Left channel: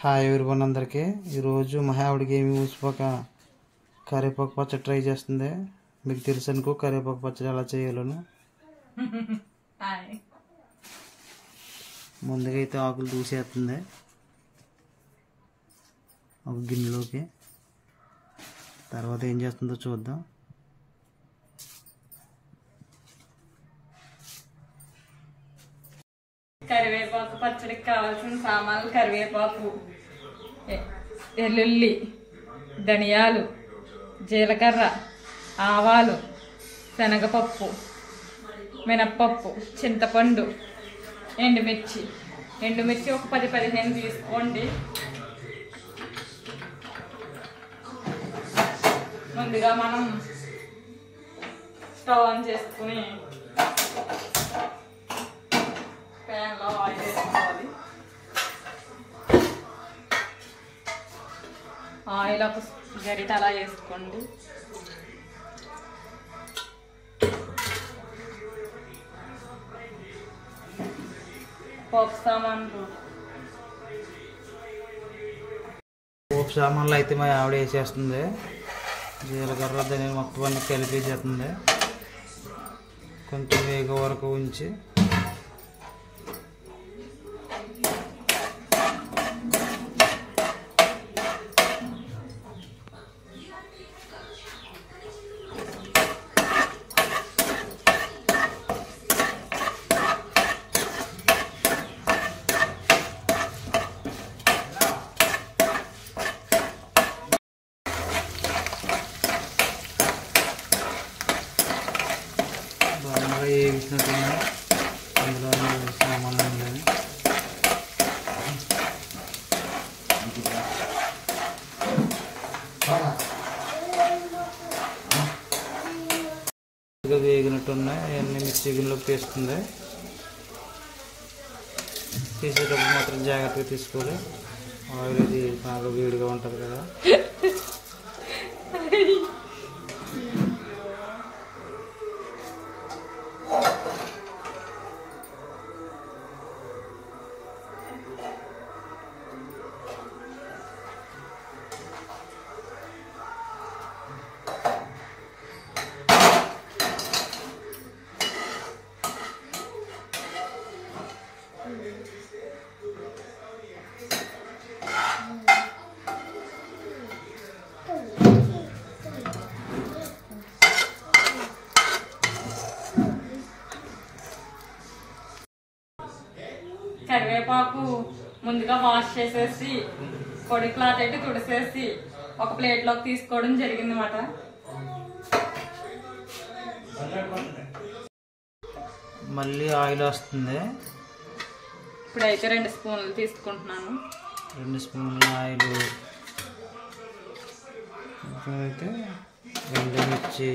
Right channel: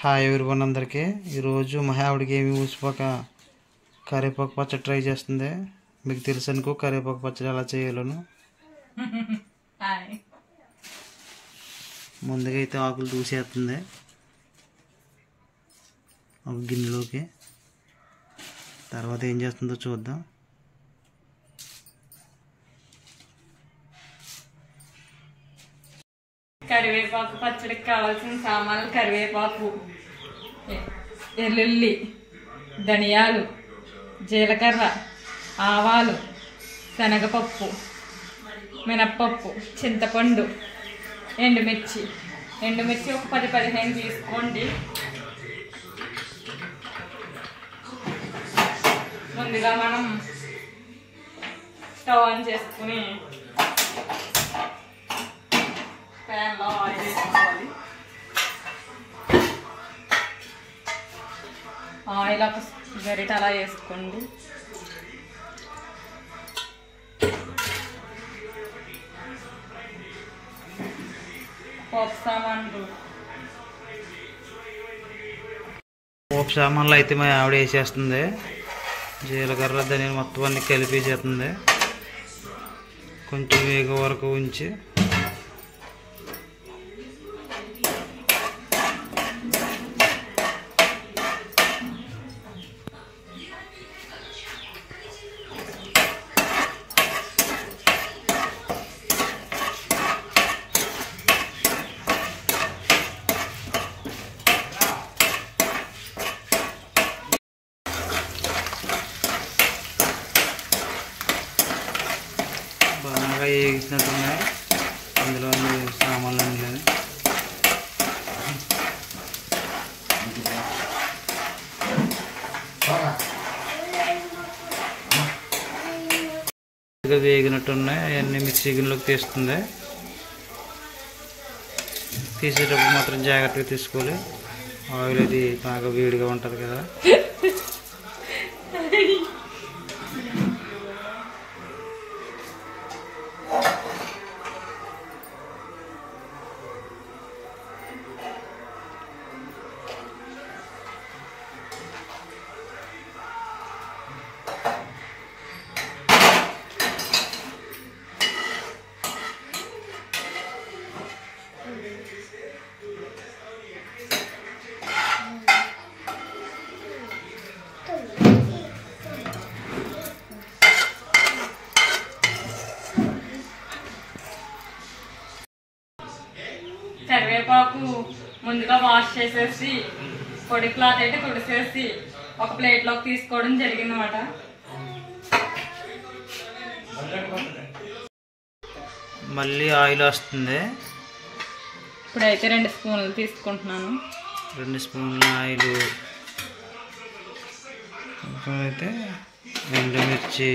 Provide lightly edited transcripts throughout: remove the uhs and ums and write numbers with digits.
Hi everyone అందరికీ ఈరోజు మా ఆవిడకి ఏమి ఊసిపోక కరివేపాకు పచ్చడి ట్రై చేస్తుంది. మీకు తెలుసు అనుకో కరివేపాకు పచ్చడి ఎలా చేయాలను. ముందుగా అయితే ఆకులు దూసేస్తుంది ఒక గిన్నెలోకి. తర్వాత ఏం చేస్తుందో చూద్దాం. కరివేపాకు పచ్చడికి కావాల్సిన సామాన్లు: కరివేపాకు, ఎల్లుల్లి, ధనియాలు, జీలకర్ర, ఆవాలు, శనగపప్పు, మినప్పప్పు, చింతపండు, ఎండుమిర్చి ఒక 10-15 తీసుకోండి. ముందుగా మనం స్టవ్ ఆన్ చేసుకుని ప్యాన్లో ఆయిల్ వేసుకోవాలి. ఆయిల్ ఒక గరిట అలా వేసుకోండి. పోపు సామాన్లు అయితే మా ఆవిడ వేసేస్తుంది. జీలకర్ర ధనియాలు మొత్తం అన్ని కలిపేసేస్తుంది. కొంచెం వేగ వరకు ఉంచి బాగా వేగినట్టున్నాయి. అందులో సామాన్లు అన్నీ వేగినట్టున్నాయి. అవన్నీ మిక్సీ గిన్నెలోకి తీస్తుంది. తీసేటప్పుడు మాత్రం జాగ్రత్తగా తీసుకోవాలి. ఆయిల్ అది బాగా వేడిగా ఉంటుంది కదా. కరివేపాకు ముందుగా వాష్ చేసేసి పొడి క్లాత్ అయితే తుడిసేసి ఒక ప్లేట్లోకి తీసుకోవడం జరిగిందన్నమాట. మళ్ళీ ఆయిల్ వస్తుంది. ఇప్పుడైతే 2 స్పూన్లు తీసుకుంటున్నాను. 2 స్పూన్ల ఆయిల్ అయితే ఎండుమిర్చి,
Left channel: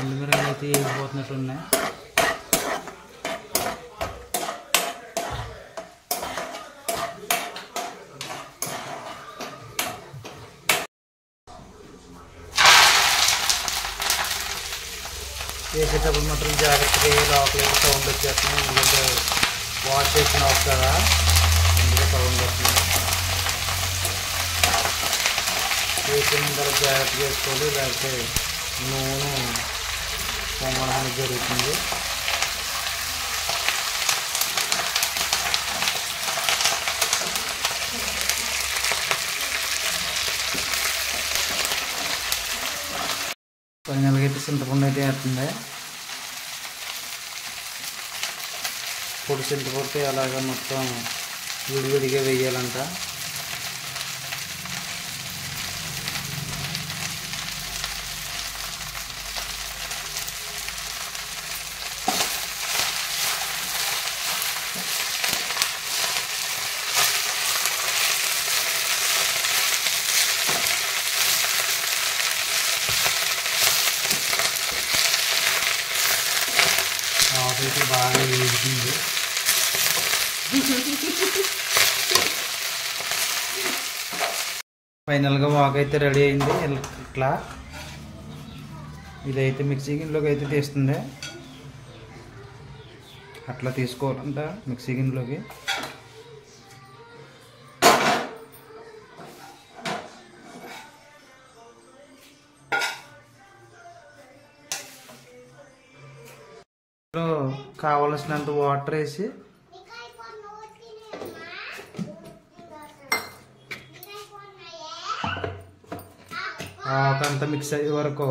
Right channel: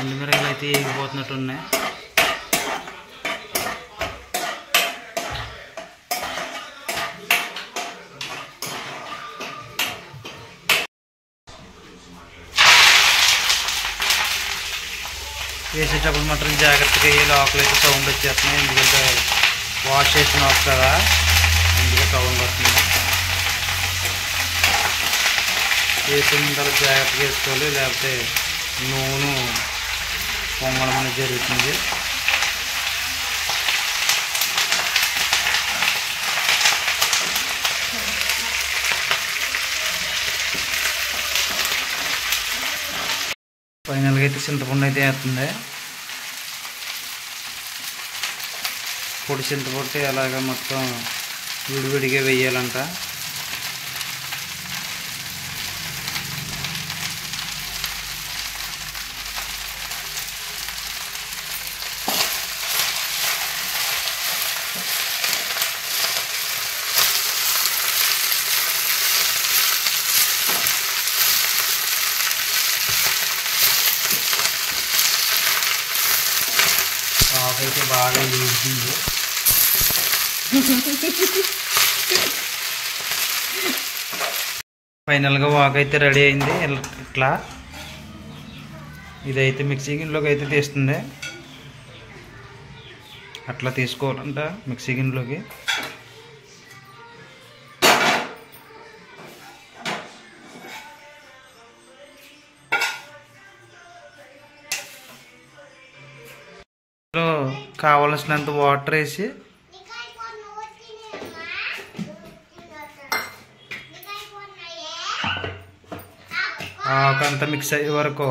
ఎండుమిరకాయలు అయితే వేగిపోతున్నట్టు ఉన్నాయి. వేసేటప్పుడు మాత్రం జాగ్రత్తగా వేయాలి. ఆకులు అయితే సౌండ్ వచ్చేస్తున్నాయి. ఎందుకంటే వాష్ చేసిన ఆకు కదా, ఎందుకంటే సౌండ్ వస్తుంది. వేసిన తర్వాత జాగ్రత్తగా వేసుకోవాలి, లేకపోతే నూనె పొంగడం అనేది జరుగుతుంది. ఫైనల్గా అయితే చింతపండు అయితే వేస్తుంది. పొడి చింతపండు అలాగా మొత్తం విడివిడిగా వేయాలంట. అయితే బాగా వేసింది. ఫైనల్గా వాక్ అయితే రెడీ అయింది. ఇట్లా ఇదైతే మిక్సీ గిన్నెలోకి అయితే తీస్తుంది. అట్లా తీసుకోవాలంట మిక్సీ గిన్నెలోకి. కావలసినంత వాటర్ వేసి ఆకంతా మిక్స్ అయ్యే వరకు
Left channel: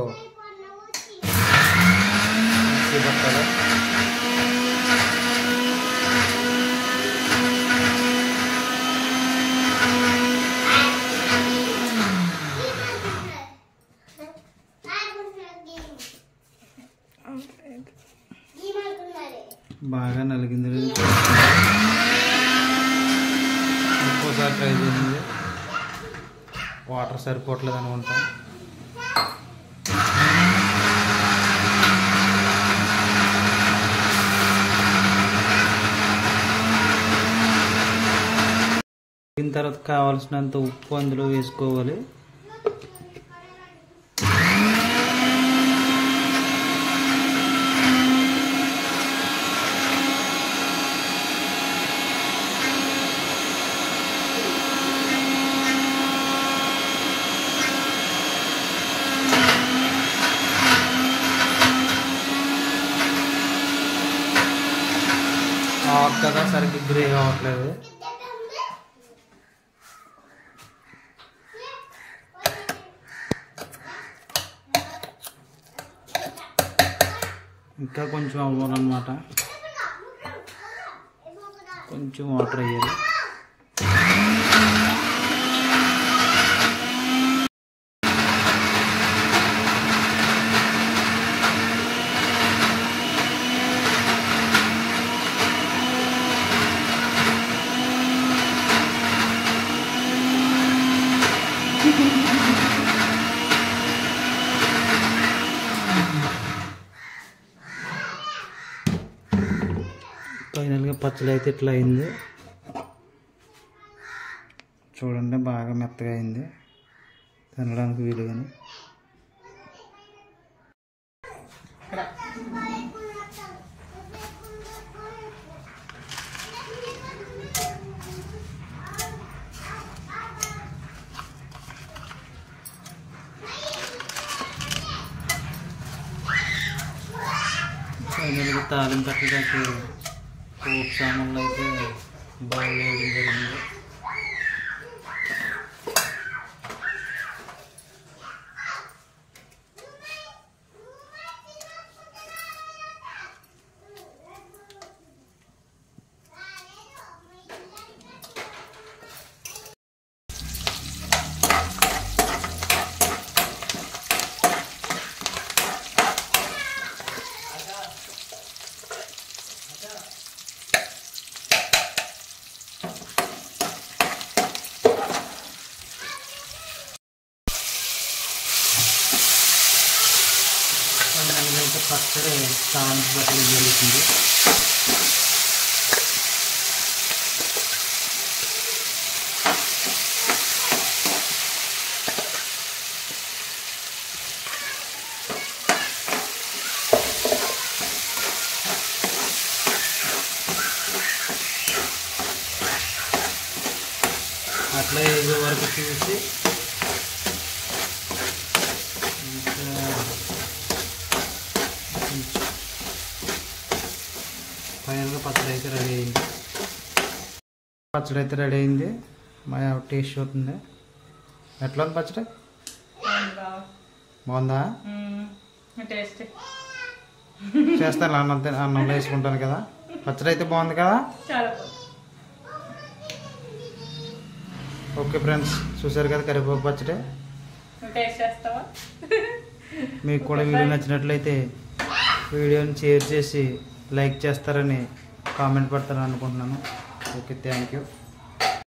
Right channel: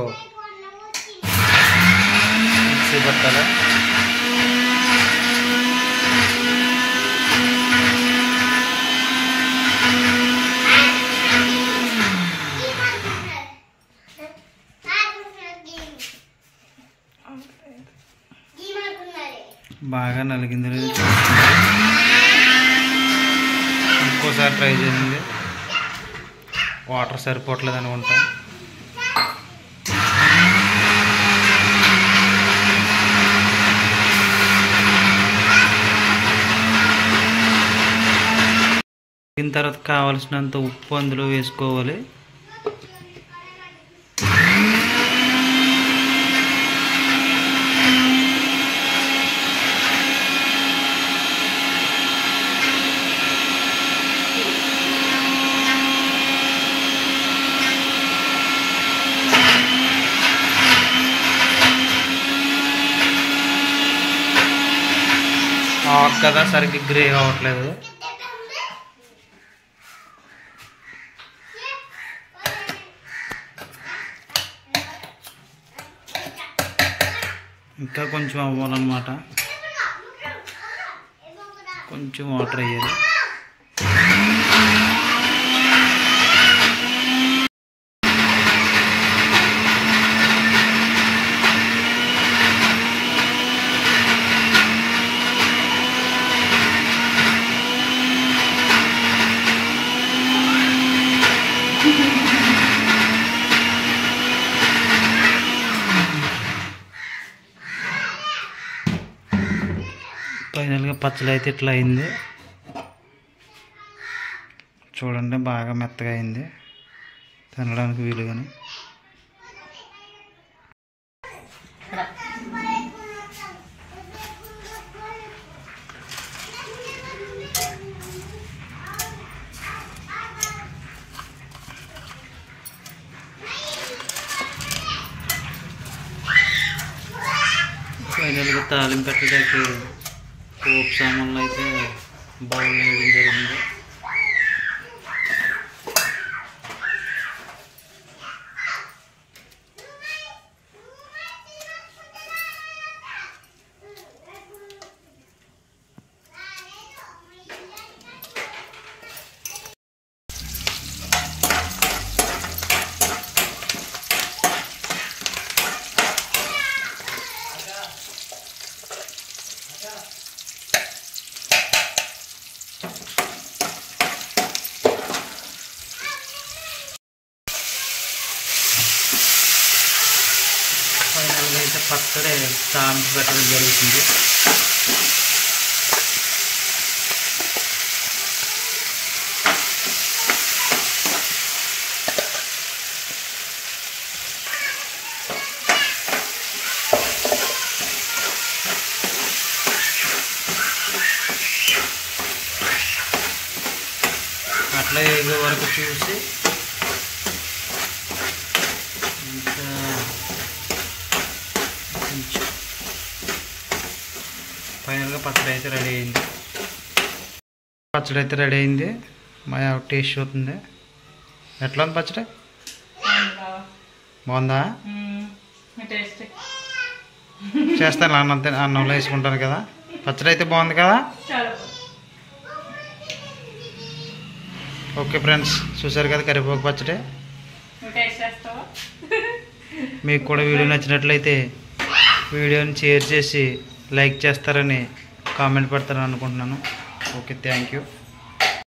మిక్సీ పట్టాలి. బాగా నలిగింది. ఇంకోసారి ట్రై చేసింది. వాటర్ సరిపోవట్లేదు అనుకుంటా. దీని తర్వాత కావాల్సినంత ఉప్పు అందులో వేసుకోవాలి. కదా సరిగ్గా గ్రే అవ్వట్లేదు. ఇంకా కొంచెం అవ్వాలన్నమాట. కొంచెం వాటర్ వేయాలి. ఫైనల్గా పచ్చడి అయితే ఇట్లా అయింది. చూడండి బాగా మెత్తగా అయింది, తినడానికి వీలుగాని. ఫైనల్గా తాలింపు పెట్టడానికి పోపు సామాన్లు అయితే బౌల్ వేయడం జరిగింది. ఫైనల్గా అయితే పచ్చడి తాలింపు పెట్టడం జరుగుతుంది. అట్లా ఏదో వరకు చూసి ఫైనల్గా పచ్చడి అయితే రెడీ అయింది. మా టేస్ట్ అవుతుంది. ఎట్లా ఉంది పచ్చడి? బాగుందా? చేస్తాను అన్నంలో వేసుకుంటాను కదా. పచ్చడి అయితే బాగుంది కదా. ఓకే ఫ్రెండ్స్, చూసారు కదా కరివేపాకు పచ్చడి. మీకు కూడా వీడియో నచ్చినట్లయితే వీడియోని షేర్ చేసి లైక్ చేస్తారని కామెంట్ పెడతారని అనుకుంటున్నాను. Okay, thank you.